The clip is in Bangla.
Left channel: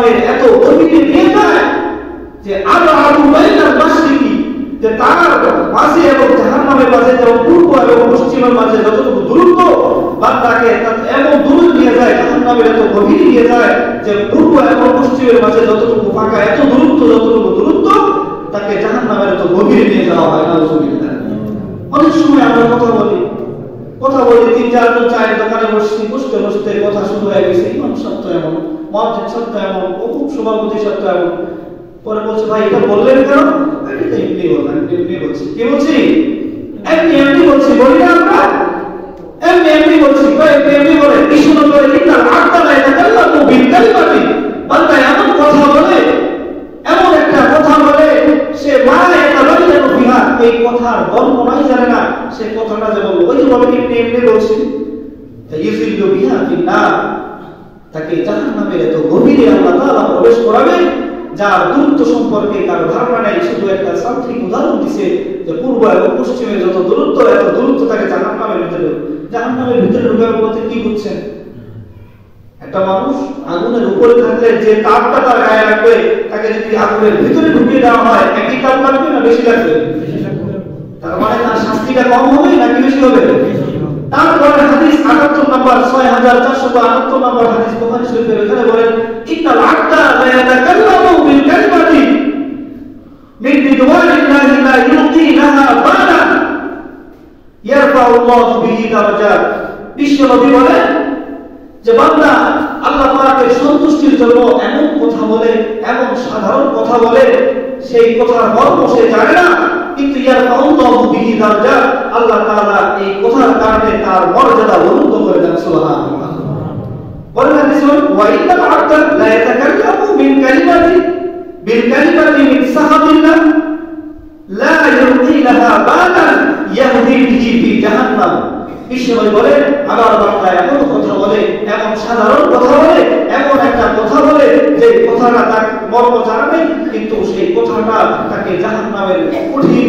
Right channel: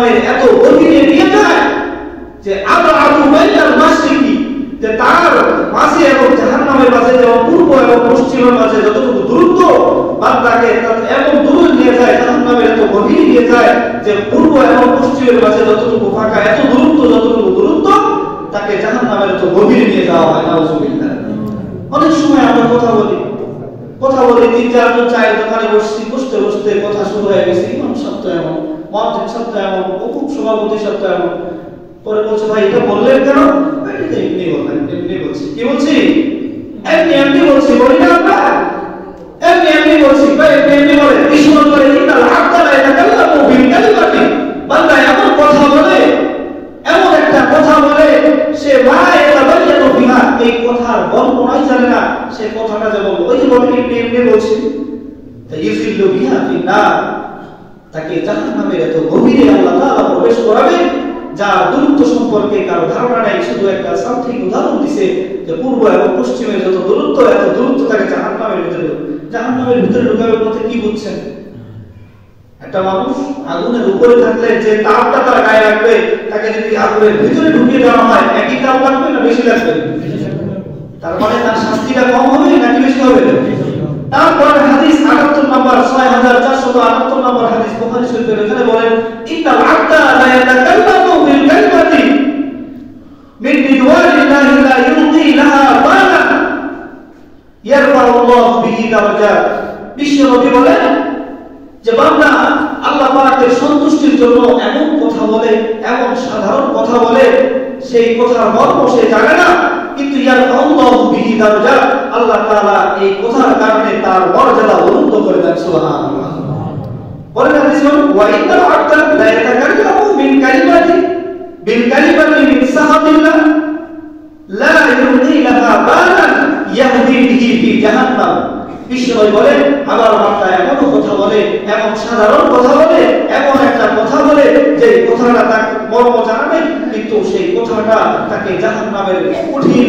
জাহান্নামের এত গভীরে নিয়ে যায় যে আবআদু বাইনাল মাশরিকি, যে তার মাঝে এবং জাহান্নামের মাঝে যেমন পূর্ব এবং পশ্চিমের মাঝে যতটুকু দূরত্ব, বান্দাকে এমন দূরে নিয়ে যায়, জাহান্নামের এত গভীরে নিয়ে যায় যে পূর্ব এবং পশ্চিমের মাঝে যতটুকু ফাঁকা, এত দূরত্ব, যতটুকু দূরত্ব, তাকে জাহান্নামের এত গভীরে নিয়ে যাওয়া হয়। নাউযুবিল্লাহ। অনেক সময় আমরা কথা বলি 3-4 চায়ের দোকানে বসতে বসতে কথা শুরু হয়ে গেছে, ইমাম সত্য এমন, মুয়াজ্জিন সত্য এমন, অমুক সভাপতি সত্য এমন, পরে বলছে ভাই এটা বললেন কেন? এটা এমনি বললাম, এমনি বলছি। কি বলছি? এমনি বলছি, বলি না আমরা এমনি বলছি, ভাই এমনি বলে। বিষ্ণু বলে ইন্নাল আবদা লা ইয়াতাকাল্লামু বিল কালিমাতি, বান্দা এমন কথা বলে, এমন একটা কথা বলে, সে লা ইয়াতাবায়্যানু বিহা, এই কথার বর্ণনাই জানে না, সে কথাটা যে বলবো ওই যে বলে এমনি বলছি, তাইয়িজুল্লু বিহা ফিন্নার, তাকে জাহান্নামের এত গভীরে আল্লাহ তাআলা প্রবেশ করাবে যার দূরত্ব সম্পর্কে কারো ধারণা নেই। শুধু একটা সাংখ্যিক উদাহরণ দিছে যে পূর্ব এবং পশ্চিমে যত দূরত্ব, এত দূরত্ব তাকে জাহান্নামের ভিতরে ঢুকাবে বলতে কি বুঝছেন? একটা মানুষ আগুনের উপরে থাকলে যে তাপটা তার গায়ে লাগবে, তাকে যদি আগুনের ভিতরে ঢুকিয়ে দেওয়া হয়, একই তাপ লাগবে না বেশি লাগবে? তার মানে তার শাস্তিটা কম হবে নাকি বেশি হবে? তারপরে হাদিস 78 নম্বর 6478 নম্বর হাদিস বুখারী শরীফের এখানে বলেন ইন্নাল আবদা লা ইয়াতাকাল্লামু বিল কালিমাতি মিন রিদওয়ানিল্লাহি লা ইউতি লাহা বালান ইয়ারফাউল্লাহু বিহি দারাজাত। বিশ্বনবী বলেন যে বান্দা আল্লাহ পাকের সন্তুষ্টির জন্য এমন কথা বলে, এমন সাধারণ কথা বলে, সেই কথার মর্ম সে জানে না, কিন্তু ইয়ারফাউল্লাহু বিহি দারাজাত, আল্লাহ তাআলা এই কথার কারণে তার মর্যাদা উন্নত করে দেন। সুবহানাল্লাহ। বলেন হাদিস ওয়া ইন্নাল আবদা লা ইয়াতাকাল্লামু বিল কালিমাতি মিন সাহাবিল্লাহ লা ইউতি লাহা বালান ইয়াহদি বিহি ফি জাহান্নাম। বিশ্বনবী বলেন আমার বান্দা এমন কথা বলে, এমন সাধারণ কথা বলে, এমন একটা কথা বলে যে কথাটা তার মর্ম জানা নেই, কিন্তু সেই কথাটা তাকে জাহান্নামের কঠিন